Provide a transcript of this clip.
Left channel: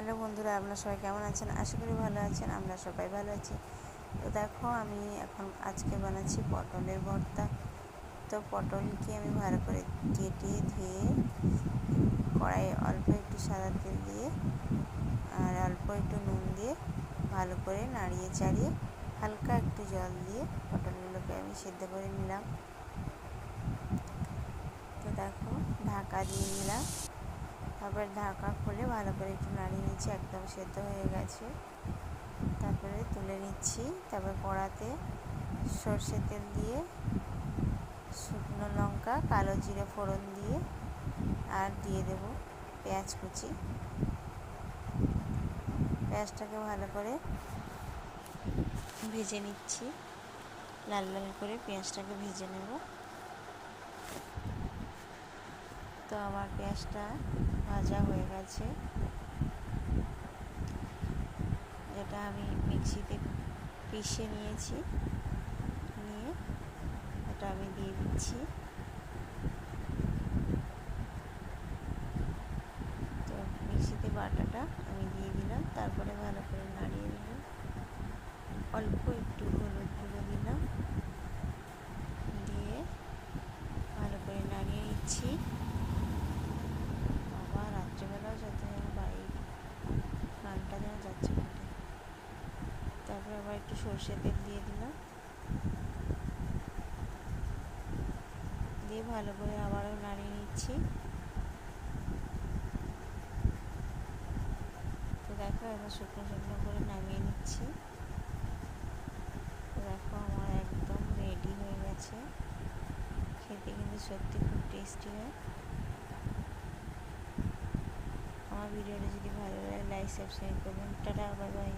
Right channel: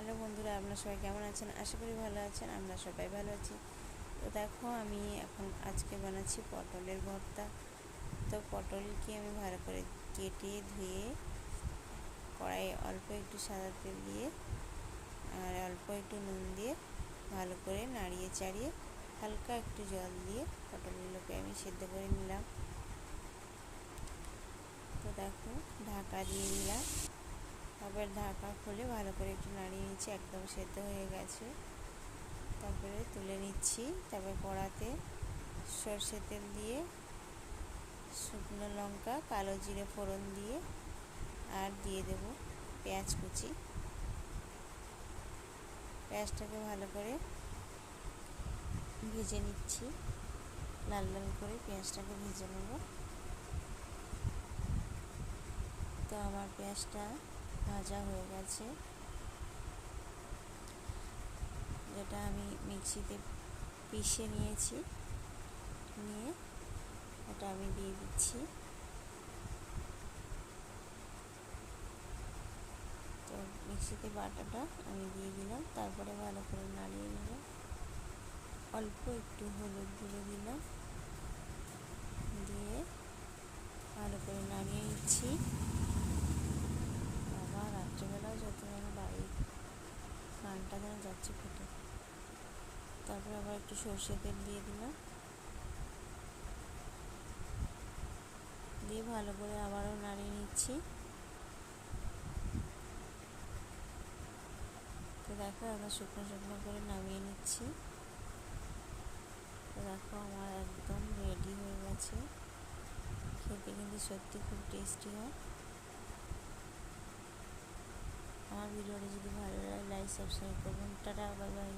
Hello বন্ধুরা, আপনারা সবাই কেমন আছেন? আশা করি ভালো আছেন, আমরা সবাই ভালো আছি। তো দেখো, আমি এখন আজকে বানাচ্ছি পটলের ভর্তা। তো পটলকে আমি ভালো করে কেটে ধুয়ে কড়াইয়ে অল্প একটু সাদা তেল দিয়ে আর অল্প একটু নুন দিয়ে ভালো করে নাড়িয়ে চাড়িয়ে হালকা একটু জল দিয়ে পটলগুলোকে আমি সেদ্ধ করে নিলাম। তো দেখো, ঢাকা দিয়ে দিলাম। তারপরে ঢাকা খুলে ভালো করে একটু নাড়িয়ে নিচ্ছি একদম সেদ্ধ হয়ে গেছে। তারপরে তুলে নিচ্ছি, তারপরে কড়াতে সর্ষে তেল দিয়ে, শুকনো লঙ্কা, কালো জিরে ফোড়ন দিয়ে, আর দিয়ে দেব পেঁয়াজ কুচি। পেঁয়াজটাকে ভালো করে ভেজে নিচ্ছি। লাল লাল করে পেঁয়াজটাকে ভেজে নেব তো আমার পেঁয়াজটা ভাজা হয়ে গেছে। যেটা আমি মিক্সিতে পিষে নিয়েছি। নিয়ে ওটা আমি দিয়ে দিচ্ছি। তো মিক্সিতে বাটাটা আমি দিয়ে দিলাম, তারপরে ভালো করে নাড়িয়ে নিলাম। অল্প একটু হলুদ গুঁড়ো দিলাম। দিয়ে ভালো করে নাড়িয়ে নিচ্ছি। রাত্রিবেলাও যত যেন বাইক গানটা যেন যাচ্ছে ফাটে। তারপরে আবার একটু সর্ষে তেল দিয়ে দিলাম। দিয়ে ভালো করে আবারও নাড়িয়ে নিচ্ছি। তো দেখো এবার শুকনো শুকনো করে নামিয়ে নিচ্ছি। তো দেখো আমার একদম রেডি হয়ে গেছে। খেতে কিন্তু সত্যি খুব টেস্টি হয়। আমার ভিডিওটা যদি ভালো লাগে লাইক সাবস্ক্রাইব করবেন। Tata bye bye